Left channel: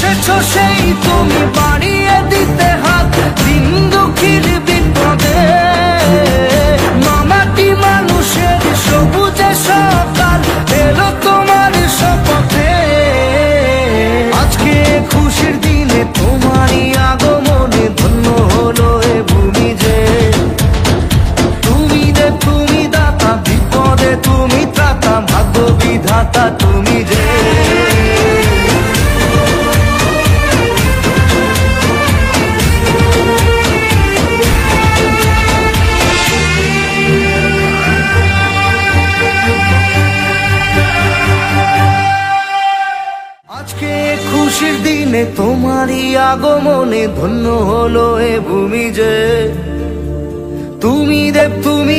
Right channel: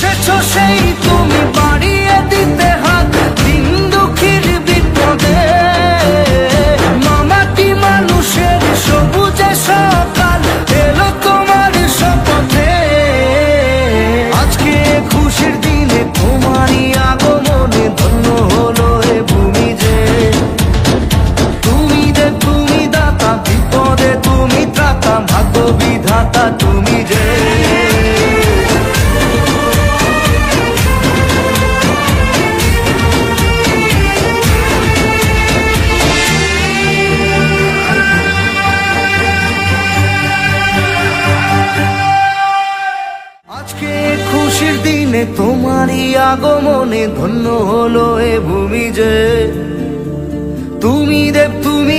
এসেছো সেই তুমি বাড়িয়ে দিতে হাত দিন দুঃখীর বিপদে। মামাটি মানুষের সবুজে সকাল এলো তোমার শপথে। আজকে খুশির দিনে তোমারই আগমনে ধন্য হলো এ ভূমি যে। তুমি দেব তুমি দাতা, বিপদে তুমি ত্রাতা, ভাগ্য বিধাতা তুমি যে। আজকে খুশির দিনে তোমারই আগমনে ধন্য হলো এ ভূমি যে। তুমি দেব তুমি